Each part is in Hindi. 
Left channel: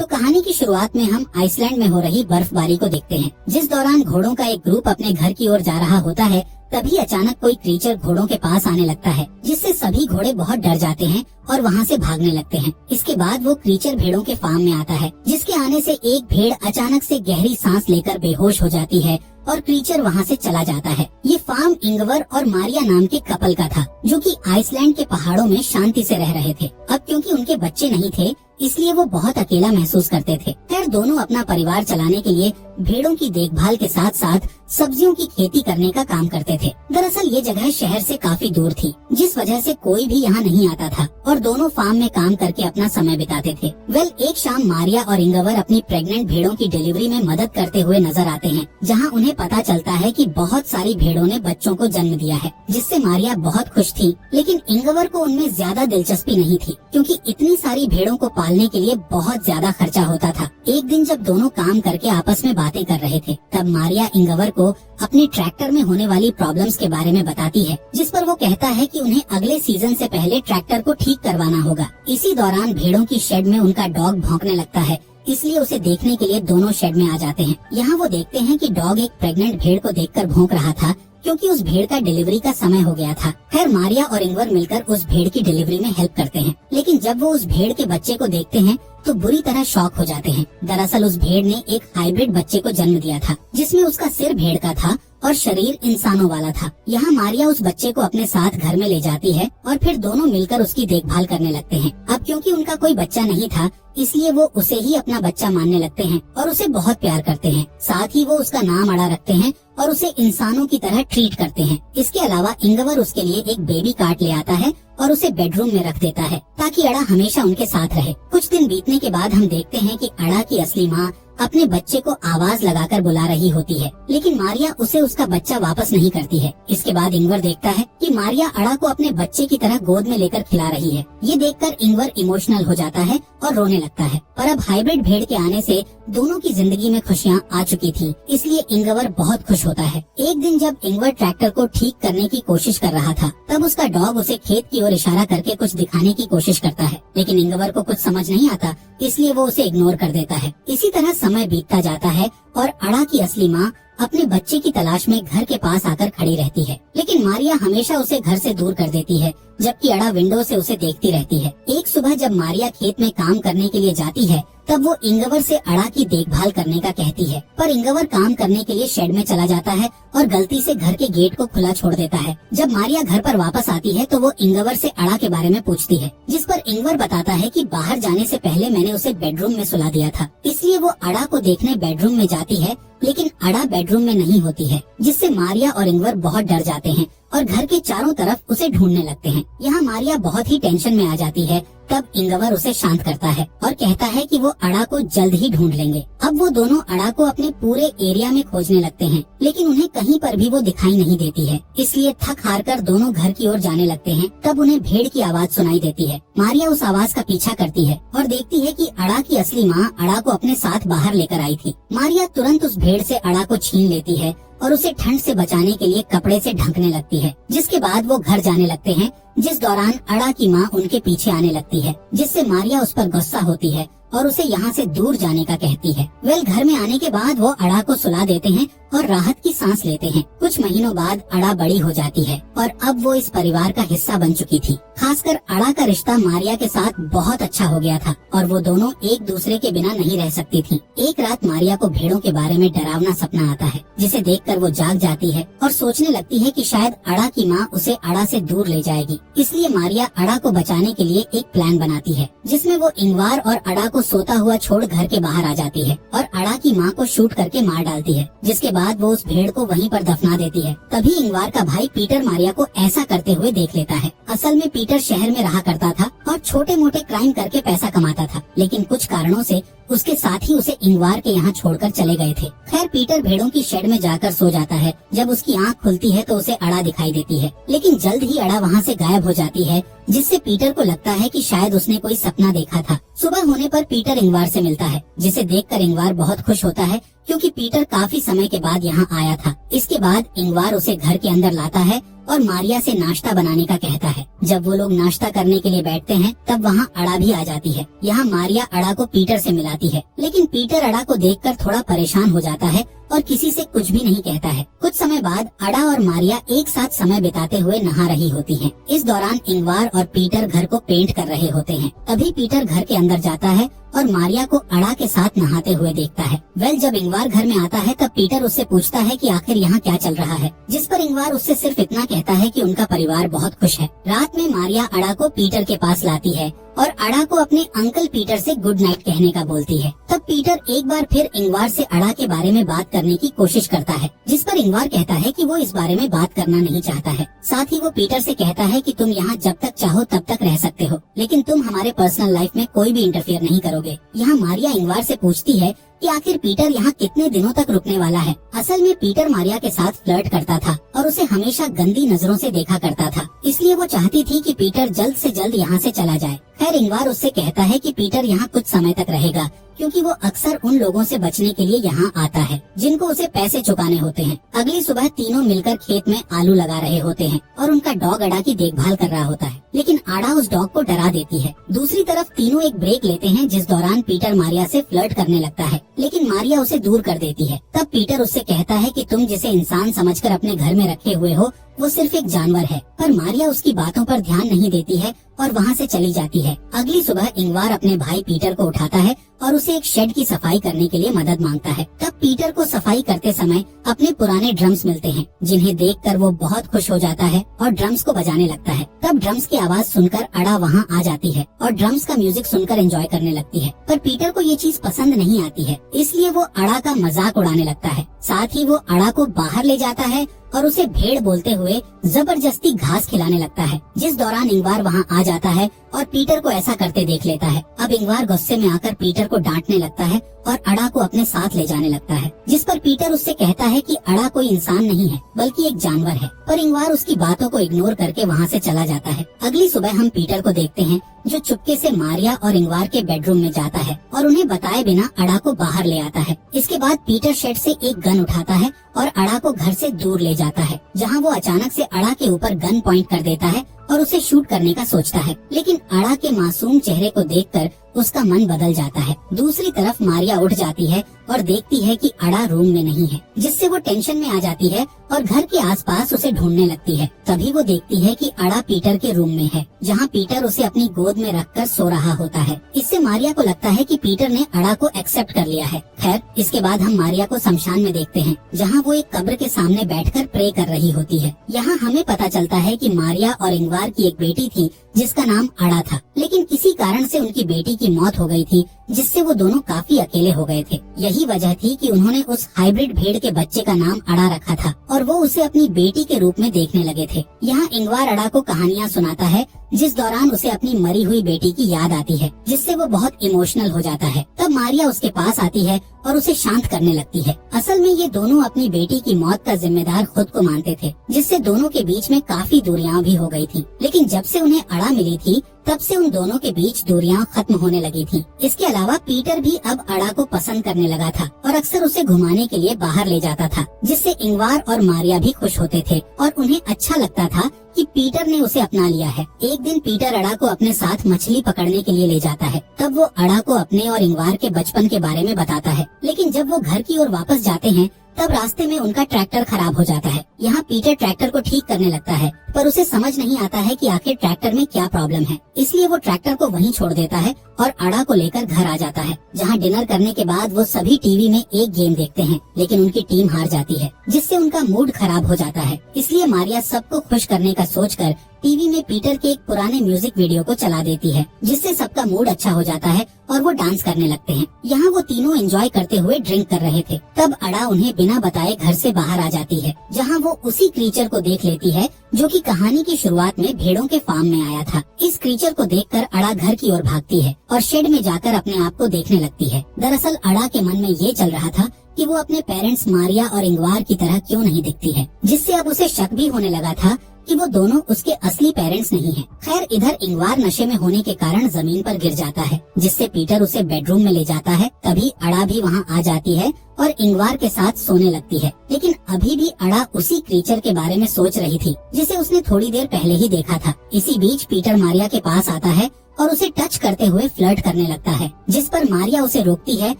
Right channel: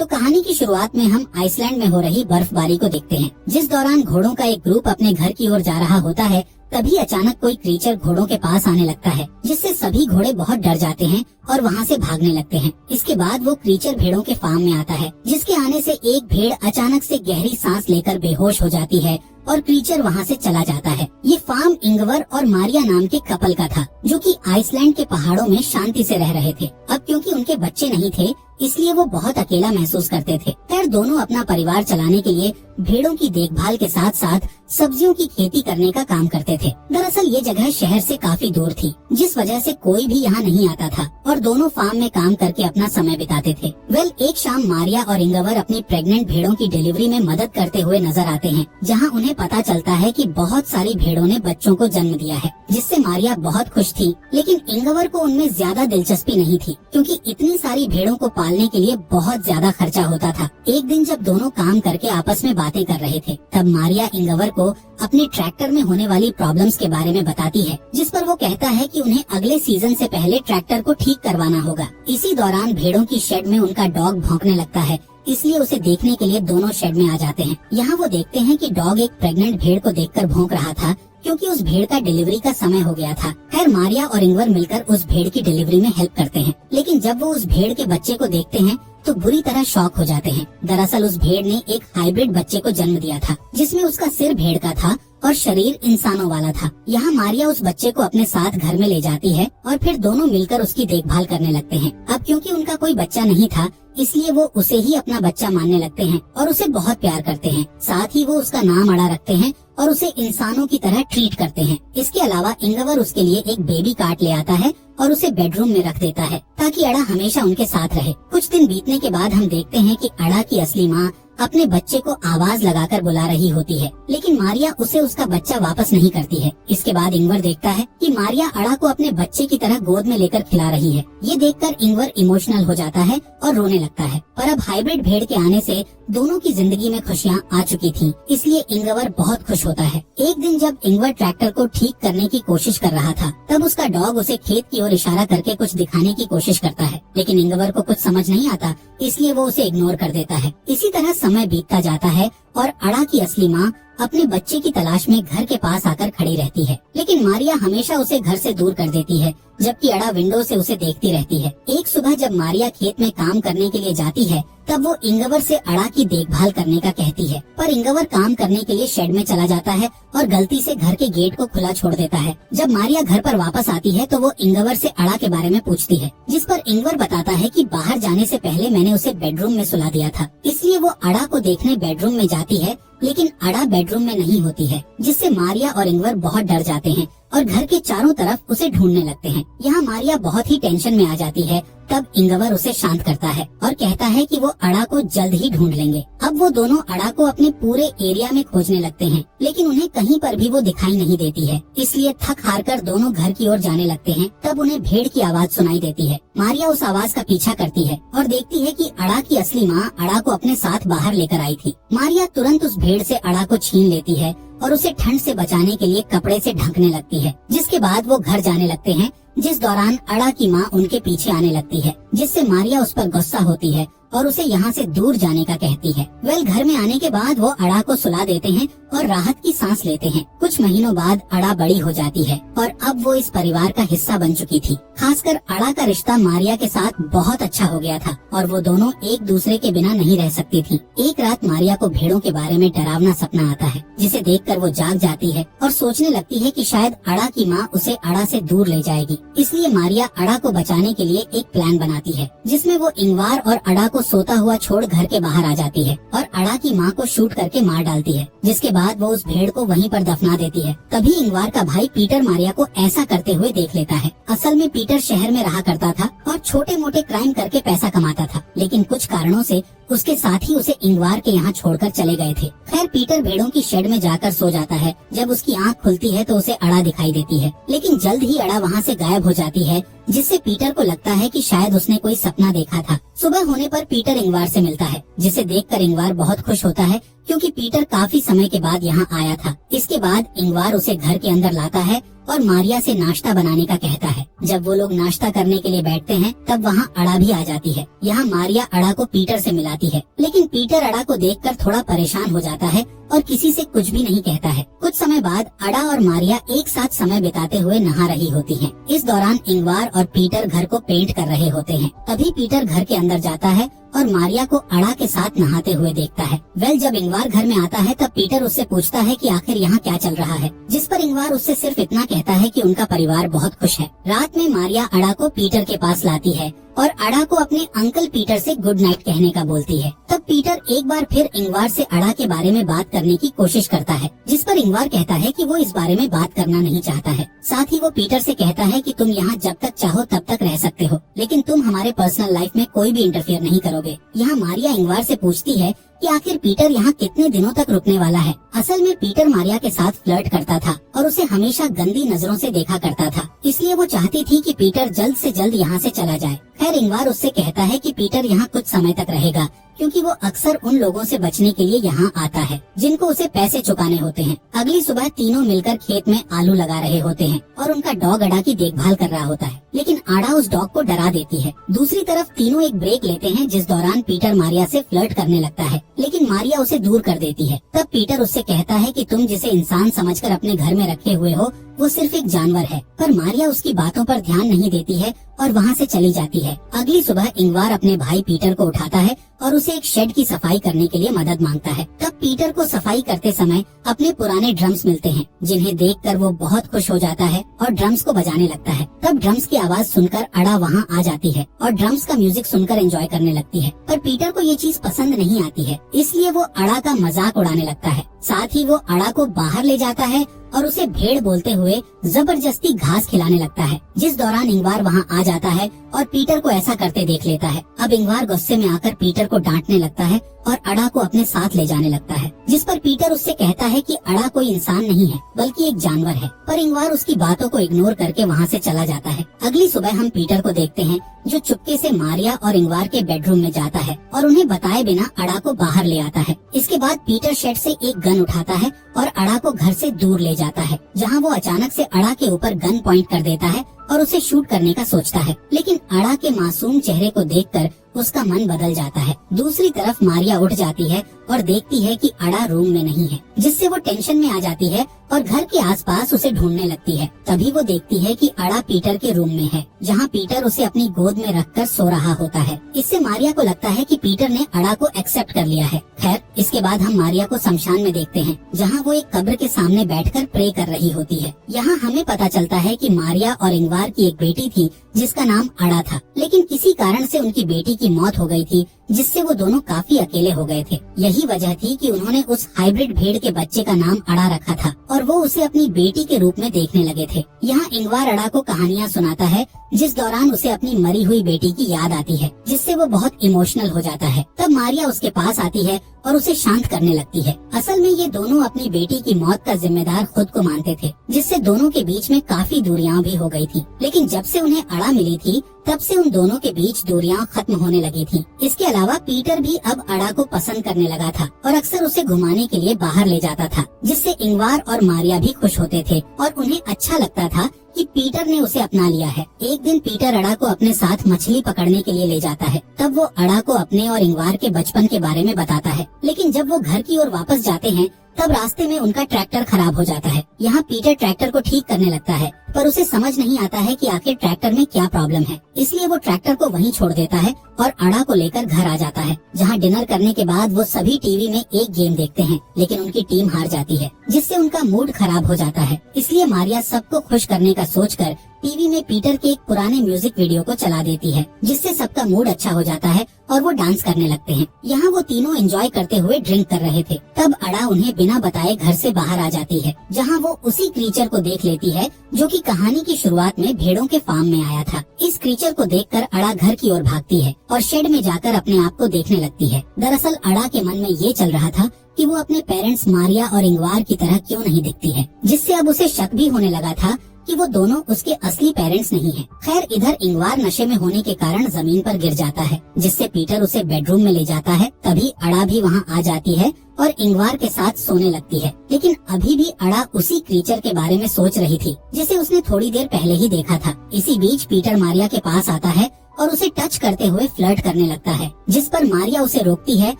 तो कहानी की शुरुआत में हम आइसलैंड में हो रही बर्फबारी को देखते हैं, जिस दौरान घोड़ों का एक ग्रुप अपने घर की ओर जा रहा होता है। तभी अचानक कोई क्रीचर घोड़ों के पास आने लगता है, जिससे सभी घोड़े बहुत डर जाते हैं और वहाँ से भागने लगते हैं। इसके बाद वो क्रीचर भेड़ों के फार्म में आता है, जिसके आने से एक भेड़ अचानक से गहरी सांस लेकर बेहोश हो जाती है और क्रीचर वहाँ से चला जाता है। ये फार्म इंगवर और मारिया नाम के कपल का था, जो कि आइसलैंड के पहाड़ों में शांति से रह रहे थे। अब क्योंकि उनके बच्चे नहीं थे, इसलिए वो बहुत अकेला महसूस करते थे। खैर, दोनों अपना परिवार चलाने के लिए भेड़ों की देखभाल के साथ साथ सब्जियों की खेती करने का काम करते थे। दरअसल ये जगह शहर से काफी दूर थी, जिस वजह से कोई भी यहाँ नहीं आता था और दोनों फार्म में काम करके अपना समय बिताते थे। एक शाम मारिया और इंगवर अपनी प्रेग्नेंट भेड़ों की डिलीवरी में मदद करते हुए नजर आते हैं, जहाँ उन्हें पता चलता है कि बहुत सारी भेड़ों ने बच्चों को जन्म दिया है, जिससे मारिया बहुत खुश थी। लेकिन इंगवर को उनमें ज्यादा दिलचस्पी नहीं थी, क्योंकि इतनी सारी भेड़ों को पालने के लिए बहुत ज्यादा खर्चा होता था। एक दिन जब दोनों काम करके आपस में बातें कर रहे थे, तब मारिया इंगवर को अपने ट्रैक्टर में होने वाली प्रॉब्लम्स के बारे में बताती है, जिस पर वो कहता है कि उन्हें अगले सीजन से पहले ट्रैक्टर को ठीक करवाना होगा। इसी दौरान भेड़ों की शेड में उनका डॉग भौंकने लगता है, इसलिए उसे देखने के लिए दोनों शेड में आ जाते हैं। यहाँ वो देखते हैं कि डॉग एक प्रेग्नेंट भेड़ को देखकर भौंक रहा था, क्योंकि उस भेड़ का डिलीवरी का समय हो गया था। खैर, मारिया और इंगवर मिलकर उस भेड़ की डिलीवरी में हेल्प करते हैं, लेकिन जब वो उस भेड़ के बच्चे को देखते हैं तो बुरी तरह शॉक हो जाते हैं। दरअसल उस भेड़ ने एक हाइब्रिड बच्चे को जन्म दिया था, जिसमें उसका सिर भेड़ का था और शरीर इंसानों वाला था। यहाँ मारिया उस बच्चे को अपने साथ घर में ले जाती है और फिर दोनों मिलकर उसकी देखभाल करने लगते हैं। अब क्योंकि उनका कोई बच्चा नहीं था, इसलिए वो उसे ही अपना बच्चा मानने लगते हैं और उसे बहुत प्यार करते हैं। साथ ही वो उसका नाम अड़ा रखते हैं और उसे इंसानों की तरह ट्रीट करते हैं। इसके अलावा इंगवर उसके लिए एक बेबी कार्ट ले आता है और उसे बेडरूम में रख देता है, ताकि अड़ा हमेशा उनके साथ रहे। कुछ दिन बीतने के बाद हम देखते हैं कि अड़ा की असली माँ अपने बच्चे को आवाज लगाकर बुला रही होती है, लेकिन मारिया उसे उसका बच्चा वापस नहीं करती है। इसके बाद इंगवर देखता है कि मारिया अड़ा को अपने बच्चे की तरह गोद में लेकर खिला रही है। ये देखकर इंगवर इमोशनल हो जाता है और रोने लगता है। पर अब हाइब्रिड भेड़ के आने से दोनों की जिंदगी में खुशियाँ आ चुकी थी, इसलिए इंगवर बहुत खुश होता है। एक दिन जब इंगवर ट्रैक्टर को ठीक करने की कोशिश कर रहा था, तब उसका डॉग उसे खेत की ओर इशारा करके कुछ दिखाने की कोशिश करता है, लेकिन इंगवर को कुछ समझ नहीं आता, इसलिए वो उसे इग्नोर कर देता है। इसी तरह समय बीतता जाता है और अड़ा की असली माँ अपने बच्चे की तलाश में घर के पास आकर खड़ी रहती है, लेकिन मारिया हमेशा उसे घर से दूर कर देती है, जबकि अड़ा विंडो से उसे देखती रहती है। एक सुबह जब मारिया खेत में काम करने के लिए जाती है, तब वो इंगवर से अड़ा की देखभाल करने का कहती है, पर इंगवर काम करने के लिए शेड में चला जाता है और गलती से घर के गेट को खुला छोड़ देता है। जब मारिया घर पर वापस आती है तो वो इंगवर से अड़ा के बारे में पूछती है, जिस पर इंगवर बताता है कि बाहर जाने से पहले मैंने उसे बेडरूम में सुला दिया था। इसलिए वो अड़ा को देखने बेडरूम में जाती है, लेकिन अड़ा बेडरूम में नहीं होती है, जिससे मारिया और इंगवर बहुत डर जाते हैं और घर के चारों तरफ उसे ढूंढने लगते हैं। यहाँ मारिया बहुत ही टेंशन में आ जाती है। तब इंगवर उसे शांत करता है और कहता है कि वो अड़ा को जल्द ही ढूंढ लेंगे। अब वो दोनों अड़ा को अपने पूरे एरिया में खोजने लगते हैं, लेकिन उन्हें कहीं पर भी वो दिखाई नहीं देती है। इसलिए थक हार कर दोनों घर की ओर जाने लगते हैं। तब उन्हें भेड़ की आवाज सुनाई देती है। मारिया उस आवाज का पीछा करती है और देखती है कि अड़ा की असली माँ अड़ा को अपने साथ बाहर लेकर आई थी। मारिया तुरंत उस भेड़ से अड़ा को छीन लेती है और उसे ठंड से बचाने के लिए कपड़े से ढकने लगती है, जिसके बाद वो घर जाने लगते हैं, जिस दौरान अड़ा की माँ उनके पीछे आने लगती है, जिससे मारिया उस पर गुस्सा होती है और उसे यहाँ से दूर जाने का कहती है। घर में आने के बाद वो अड़ा को सुला देते हैं और राहत की सांस लेते हैं। कुछ महीनों बाद अड़ा बड़ी हो जाती है और अब वो इस परिवार का हिस्सा बन चुकी थी। खासकर अड़ा का रिश्ता मारिया के साथ बहुत अच्छा हो गया था और वो दोनों एक दूसरे के बिना नहीं रह सकती थी। एक रात मारिया को भेड़ों के बारे में डरावना सपना आता है, जिसे देखकर वो जाग जाती है और सोचने लगती है कि शायद अड़ा की माँ उसे अड़ा से दूर ले जाएगी। इसलिए मारिया अड़ा को बचाने के लिए एक प्लान बनाती है, जिसमें वो इंगवार और अड़ा को सोता हुआ छोड़ घर के बाहर आ जाती है और अड़ा की माँ को शूट करके मार डालती है, जिसके बाद वो उस भेड़ को वहीं पर दफना देती है। तभी इंगवार का भाई पीटर मारिया को ऐसा करते हुए देख लेता है। असल में पीटर शहर में रहा करता था और छोटे मोटे क्राइम करके पैसा कमाता था, लेकिन कुछ कारणों से उसके साथी उसे इंगवार के यहाँ छोड़कर चले गए थे। खैर, पीटर भेड़ों की शेड में जाकर सो जाता है। जब उसकी आँख खुलती है तो उसे अड़ा दिखाई देती है, लेकिन जल्द ही अड़ा वहाँ से गायब हो जाती है, जिससे पीटर को लगता है कि शायद उसने कोई सपना देखा था। सुबह होने पर पीटर इंगवार से मिलता है, जिसे देखकर इंगवार बहुत खुश होता है, क्योंकि पीटर काफी समय के बाद यहाँ आया था। इसके बाद इंगवार उसे घर के अंदर लाता है और मारिया से नाश्ता बनाने का कहता है। जब वो लोग नाश्ता करने के लिए बैठते हैं तब वहाँ अड़ा भी आ जाती है। यहाँ मारिया अड़ा को पीटर से मिलाती है, लेकिन पीटर अड़ा को देखकर थोड़ा परेशान हो जाता है और किसी से कुछ भी नहीं कहता है। कुछ समय बाद अड़ा और मारिया एक साथ समय बिताते हुए नहा रही होती हैं। इस दौरान इंगवार और पीटर घर को पेंट कर रहे होते हैं। तभी पीटर घर के अंदर जाता है और मारिया को अड़ा के साथ नहाते हुए देखता है। जब इंगवार घर में आता है तब पीटर उससे पूछता है कि आखिर यहाँ क्या चल रहा है, जिस पर इंगवार उससे सिर्फ इतना कहता है कि उनका परिवार बहुत खुश है। रात में मारिया अड़ा को पीटर के पास लाती है और अड़ा को अपने अंकल पीटर से गुड नाइट कहने का बोलती है। तब पीटर एक बार फिर इंगवार से अड़ा के बारे में बात करने की कोशिश करता है, जिस पर इंगवार कहता है कि वो इस बारे में बात करना नहीं चाहता है। साथ ही वो पीटर से कहता है कि तुम यहाँ जब तक चाहो तब तक रह सकते हो, लेकिन तुम हमारे पर्सनल लाइफ में कोई भी इंटरफेयर नहीं करोगे। यहाँ मारिया इंगवार से पूछती है कि आखिर पीटर यहाँ कितने दिनों तक रुकने वाला है। असल में पीटर मारिया के साथ फ्लर्ट करता था और उसे हमेशा गंदी नजरों से देखा करता था, इसलिए वो चाहती थी कि पीटर जल्द से जल्द यहाँ से चला जाए। खैर इंगवार उससे कहता है कि पीटर यहाँ कुछ समय तक रहेगा, क्योंकि वो अक्सर उन लोगों से बचने के लिए यहाँ आता है जिनको उसे पैसे चुकाने होते हैं। अगली सुबह तीनों मिलकर खेत में आलू लगा रहे होते हैं और उनका डॉग अड़ा की देखभाल कर रहा होता है, लेकिन अड़ा उस डॉग को डरा देती है। दूसरी तरफ तीनों एक ब्रेक लेते हैं, जिस दौरान पीटर मारिया से फ्लर्ट करने लगता है, लेकिन मारिया उसे दूर कर देती है। तब पीटर उससे कहता है कि तुम जिसे इंसान समझकर अपने घर में रखे हुए हो वो सिर्फ एक जानवर है, पर मारिया उसकी बातों पर ध्यान नहीं देती है और वहाँ से चली जाती है। अगली सुबह इंगवार अपने भाई पीटर को उठाता है और उसे एक शेड की सफाई करने के लिए मदद मांगता है। तब पीटर को सफाई करते समय अपने पुराने ड्रम्स मिलते हैं, जिन्हें देखकर वो बहुत खुश हो जाता है और ड्रम्स को बजाने लगता है। तब ड्रम्स की आवाज सुनकर अड़ा वहाँ आ जाती है और ड्रम्स का म्यूजिक सुनकर एंजॉय करने लगती है, पर पीटर को ये चीज पसंद नहीं आती है, इसलिए वो अड़ा का मजाक उड़ाने लगता है। साथ ही वो अड़ा को बाहर ले जाता है और उसे भेड़ बोलते हुए जबरदस्ती घास खिलाने लगता है, जिस दौरान इंगवार वहाँ आ जाता है और पीटर को ऐसा करते देख लेता है। अब इंगवार गुस्से में आकर पीटर को डांटने लगता है और अड़ा को अपने साथ ले जाने लगता है, जिस पर पीटर उससे कहता है कि अड़ा कोई इंसान नहीं है बल्कि एक जानवर है, पर इंगवार उसकी बातों को इग्नोर करके वहाँ से चला जाता है। अगली सुबह हम पीटर को देखते हैं जो चुपके से मारिया और इंगवार के बेडरूम में जाता है और उन्हें बताए बिना अड़ा को बाहर ले आता है। इसके बाद पीटर शेड से एक गन उठाता है और अड़ा को घर से दूर ले जाता है, जहाँ वो अचानक से अड़ा के ऊपर गन पॉइंट कर देता है और उसे शूट करने का सोचता है, लेकिन अड़ा के मासूम चेहरे को देखकर उसका मन बदल जाता है। दूसरी तरफ मारिया उठ जाती है और देखती है कि अड़ा रूम में नहीं है, जिससे वो टेंशन में आ जाती है और घर के आसपास उसे ढूंढने लगती है। तभी वो देखती है कि अड़ा पीटर के रूम में है, जहाँ पीटर उसे अपनी गोद में रखकर सो रहा होता है। इससे मारिया को लगता है कि पीटर ने अड़ा को एक्सेप्ट कर लिया है। खैर इसके बाद हम मारिया को शमशान में देखते हैं, जहाँ वो एक कब्र के सामने बैठकर प्रे कर रही होती है। यहाँ हमें पता चलता है कि मारिया और इंगवार की एक बेटी थी जिसका नाम अड़ा था, लेकिन किसी कारण से उनकी बेटी की मौत हो गई थी, जिससे वो दोनों काफी अकेले हो गए थे। यही वजह थी कि उन्होंने उस हाइब्रिड भेड़ के बच्चे का नाम अड़ा रखा था और वो उसे अपनी बेटी के रूप में देखने लगे थे। यहाँ इंगवार अड़ा को कहानियाँ सुनाता है, जिस दौरान उसे अपनी मरी हुई बेटी की याद आती है, जिससे वो बहुत इमोशनल हो जाता है। तब मारिया उसके पास आती है और उसे शांत करने लगती है। असल में ये दोनों अपनी बेटी की मौत का जिम्मेदार खुद को मानते थे, जिससे दोनों के बीच में काफी दूरियां भी हो गई थी। लेकिन जब से उन्हें अड़ा मिली थी तब से उन दोनों के बीच दूरियां खत्म होने लगी थी। इसके अलावा पीटर भी अब अड़ा को पसंद करने लगा था और अक्सर उसे घुमाने के लिए बाहर ले जाता था, जिससे इंगवार और मारिया भी खुश होते थे और उन्हें अच्छा लगता था कि पीटर ने उसे अपना लिया है। एक दिन पीटर अड़ा को अपने साथ मछली पकड़ने के लिए ले जाता है। तब वो अड़ा को अपने और इंगवार के बचपन के बारे में बताता है, लेकिन जब वो घर की ओर वापस जाते हैं तब रास्ते में उनका ट्रैक्टर खराब हो जाता है। यहाँ पीटर ट्रैक्टर को ठीक करने लगता है, पर उसे समझ नहीं आता है कि आखिर ट्रैक्टर में क्या प्रॉब्लम है, इसलिए वो ट्रैक्टर को वहीं छोड़ देता है और अड़ा को लेकर घर आ जाता है, जहाँ डिनर करने के बाद वो सभी टीवी में एक गेम देखते हैं, लेकिन उनकी टीम हार जाती है, जिससे उनका मूड खराब हो जाता है। इसलिए मारिया सबको खुश करने का सोचकर टीवी में पीटर के एक पुराने म्यूजिक वीडियो को चला देती है, जिससे सबका मूड अच्छा हो जाता है और वो डांस करने लगते हैं। यहाँ वो तीनों एंजॉय करते हुए ड्रिंक कर रहे थे। तब अड़ा उन्हें बिना बताए घर से बाहर आ जाती है, जहाँ वो उसी क्रीचर को देख लेती है जो कि कहानी की शुरुआत में भेड़ों के फार्म में आया था। इस क्रीचर को देखकर अड़ा घर की ओर भागती है और शेड में जाकर अपने आप को देखने लगती है। दरअसल अड़ा के मन में ये चल रहा था कि वो अपने पेरेंट्स मारिया और इंगवार की तरह क्यों नहीं दिखती है, जिससे अब उसे शक भी होने लगा था कि वो दोनों उसके असली पेरेंट्स नहीं हैं। खैर इधर इंगवार नशे में होने के कारण जमीन पर गिर जाता है, जिससे पीटर उसे बेडरूम में ले जाता है। तभी अड़ा भी वहाँ आ जाती है और इंगवार के साथ सोने लगती है। लेकिन अभी भी अड़ा उसी क्रीचर के बारे में सोच रही थी जिसे उसने थोड़ी देर पहले ही देखा था। इसी बीच पीटर मारिया के पास आता है और उसे टच करते हुए फ्लर्ट करने लगता है, जिस पर मारिया उसे रोकती है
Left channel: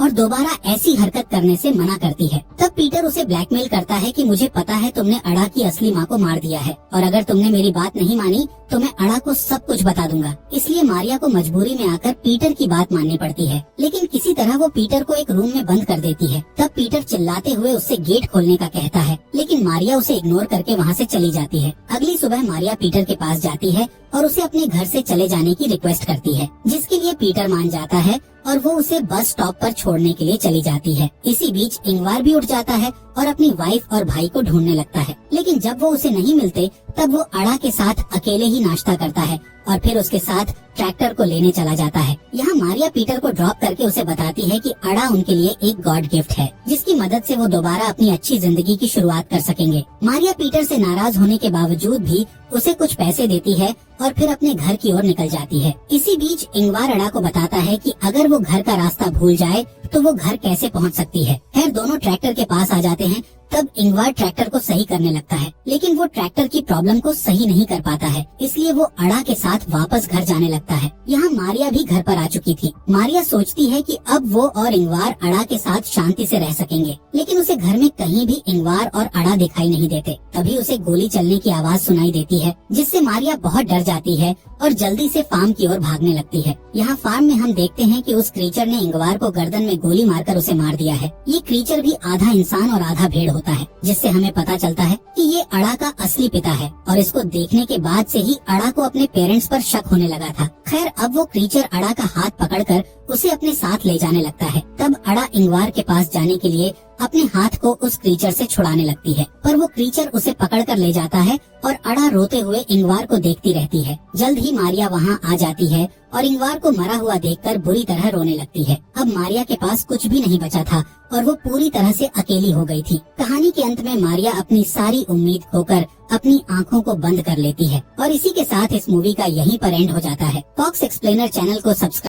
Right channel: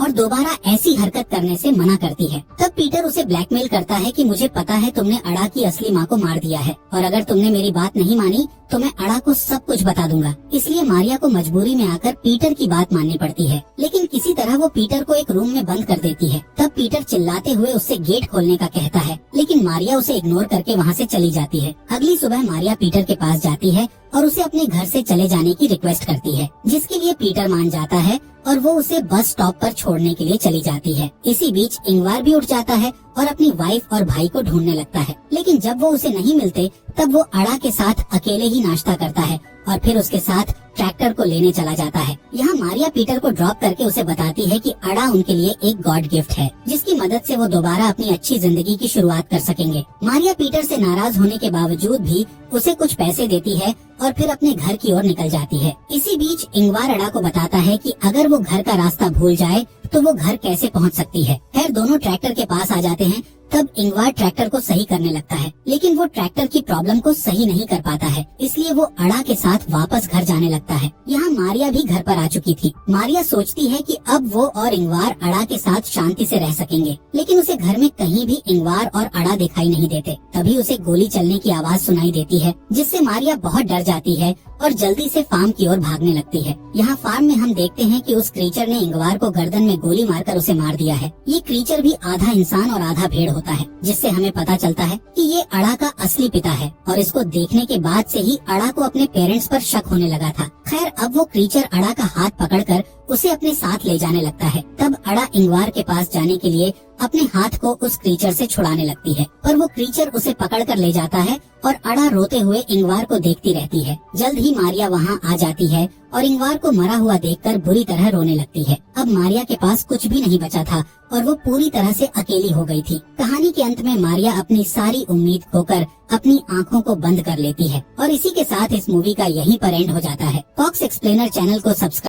और दोबारा ऐसी हरकत करने से मना करती है। तब पीटर उसे ब्लैकमेल करता है कि मुझे पता है तुमने अड़ा की असली माँ को मार दिया है और अगर तुमने मेरी बात नहीं मानी तो मैं अड़ा को सब कुछ बता दूंगा। इसलिए मारिया को मजबूरी में आकर पीटर की बात माननी पड़ती है, लेकिन किसी तरह वो पीटर को एक रूम में बंद कर देती है। तब पीटर चिल्लाते हुए उससे गेट खोलने का कहता है, लेकिन मारिया उसे इग्नोर करके वहाँ से चली जाती है। अगली सुबह मारिया पीटर के पास जाती है और उसे अपने घर से चले जाने की रिक्वेस्ट करती है, जिसके लिए पीटर मान जाता है और वो उसे बस स्टॉप पर छोड़ने के लिए चली जाती है। इसी बीच इंगवार भी उठ जाता है और अपनी वाइफ और भाई को ढूंढने लगता है, लेकिन जब वो उसे नहीं मिलते तब वो अड़ा के साथ अकेले ही नाश्ता करता है और फिर उसके साथ ट्रैक्टर को लेने चला जाता है। यहाँ मारिया पीटर को ड्रॉप करके उसे बताती है कि अड़ा उनके लिए एक गॉड गिफ्ट है, जिसकी मदद से वो दोबारा अपनी अच्छी जिंदगी की शुरुआत कर सकेंगे। मारिया पीटर से नाराज होने के बावजूद भी उसे कुछ पैसे देती है और फिर अपने घर की ओर निकल जाती है। इसी बीच इंगवार अड़ा को बताता है कि अगर वो घर का रास्ता भूल जाए तो वो घर कैसे पहुंच सकती है। खैर दोनों ट्रैक्टर के पास आ जाते हैं। तब इंगवार ट्रैक्टर को सही करने लगता है, लेकिन वो ट्रैक्टर की प्रॉब्लम को सही नहीं कर पाता है, इसलिए वो अड़ा के साथ वापस घर जाने लगता है। यहाँ मारिया भी घर पर आ चुकी थी। मारिया सोचती है कि अब वो और इंगवार अड़ा के साथ शांति से रह सकेंगे, लेकिन उसे घर में कहीं भी इंगवार और अड़ा दिखाई नहीं देते। तभी उसे गोली चलने की आवाज सुनाई देती है, जिससे मारिया बहुत डर जाती है और जल्दी से फार्म की ओर भागने लगती है। यहाँ फार्म में हम देखते हैं कि उस क्रीचर ने इंगवार को गर्दन में गोली मारकर उसे मार दिया है। ये क्रीचर भी आधा इंसान और आधा भेड़ होता है, जिससे हमें पता चलता है कि ये अड़ा का असली पिता है और इसको देखने के बाद से ही अड़ा को अपने पेरेंट्स पर शक होने लगा था। खैर अब वो क्रीचर अड़ा का हाथ पकड़कर उसे अपने साथ ले जाने लगता है। तब अड़ा इंगवार के पास जाने के लिए अपने हाथ को उस क्रीचर से छुड़ाने लगती है, पर वो क्रीचर उसे पकड़कर ले जाता है और अड़ा रोते हुए इंगवार को देखती रहती है। जल्द ही मारिया वहाँ आ जाती है और इंगवार को मरा हुआ देखकर बुरी तरह रोने लगती है। अब मारिया के पास कुछ भी नहीं बचा था और वो पूरी तरह से अकेली हो गई थी। कहानी के अंत में मारिया अपनी सारी उम्मीद खोकर अपनी आंखों को बंद कर लेती है और इसी के साथ इस मूवी का यहीं पर एंड हो जाता है। फॉक्स एक्सप्लेनर चैनल को सब्सक्राइब